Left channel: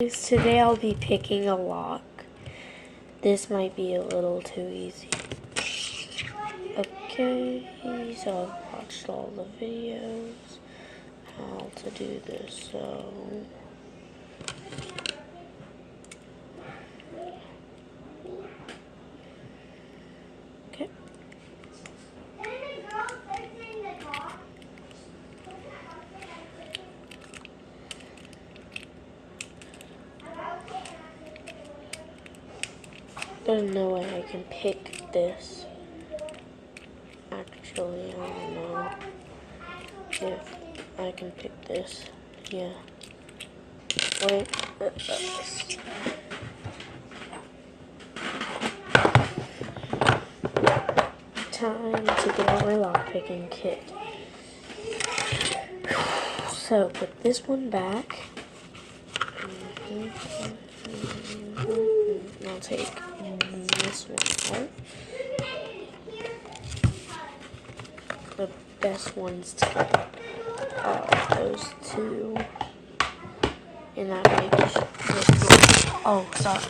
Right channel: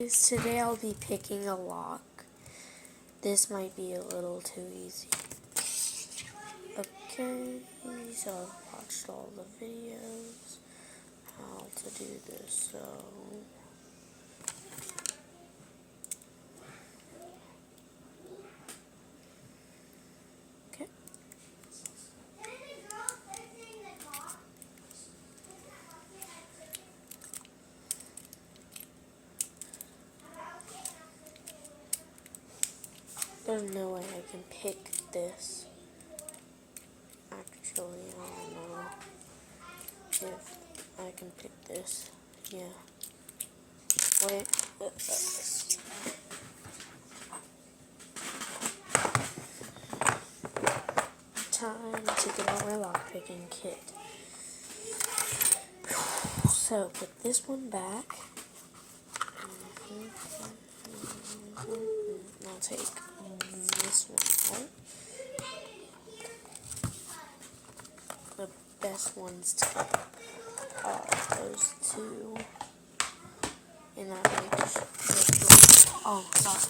Today I'll be picking a lock. This might be a little too easy. Okay, so I've watched all the videos how to do this, so okay. There's no way I can pick this. Actually, I don't know if I can pick this. Yeah. Wait. Time to get out my lockpicking kit. So put this one back. I'll take this one out. The best ones to get are those two. And that makes this one. Oh, sorry.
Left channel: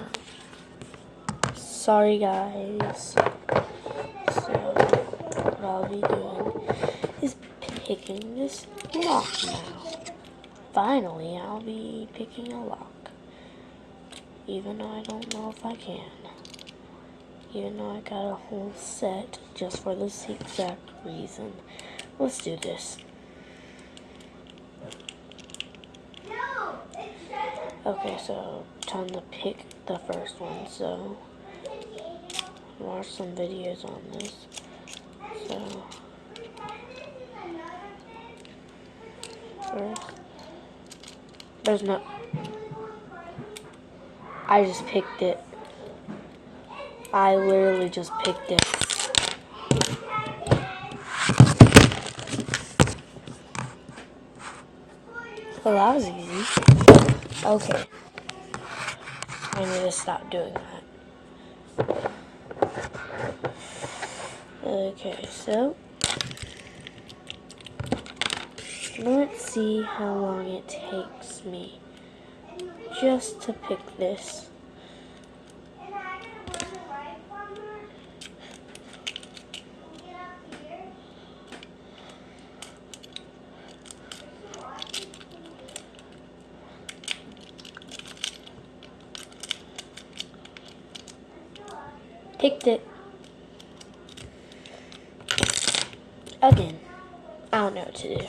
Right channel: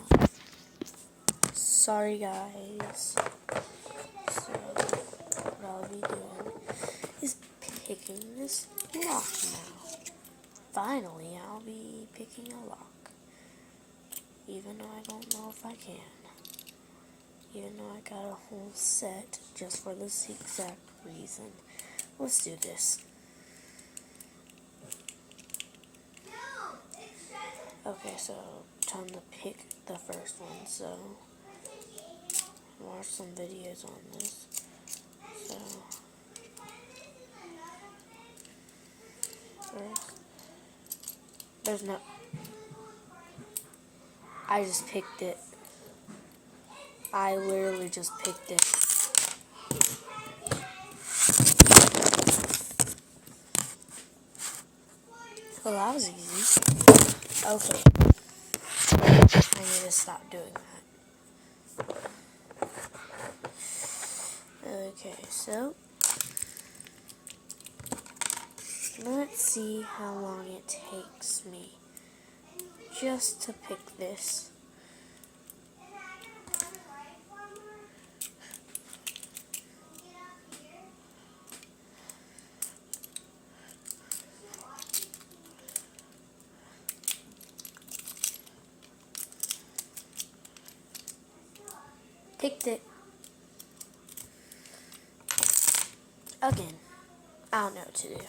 Sorry, guys. So, what I'll be doing is picking this lock now. Finally, I'll be picking a lock. Even though I don't know if I can. Even though I got a whole set just for this exact reason. Let's do this. Okay, so time to pick the first one. So, watch some videos on this. So, first, there's no. I just picked it. I literally just picked it. Well, that was easy. Okay. I need to stop doing that. Okay, so let's see how long it takes me just to pick this. Picked it. Again. I don't know what to do.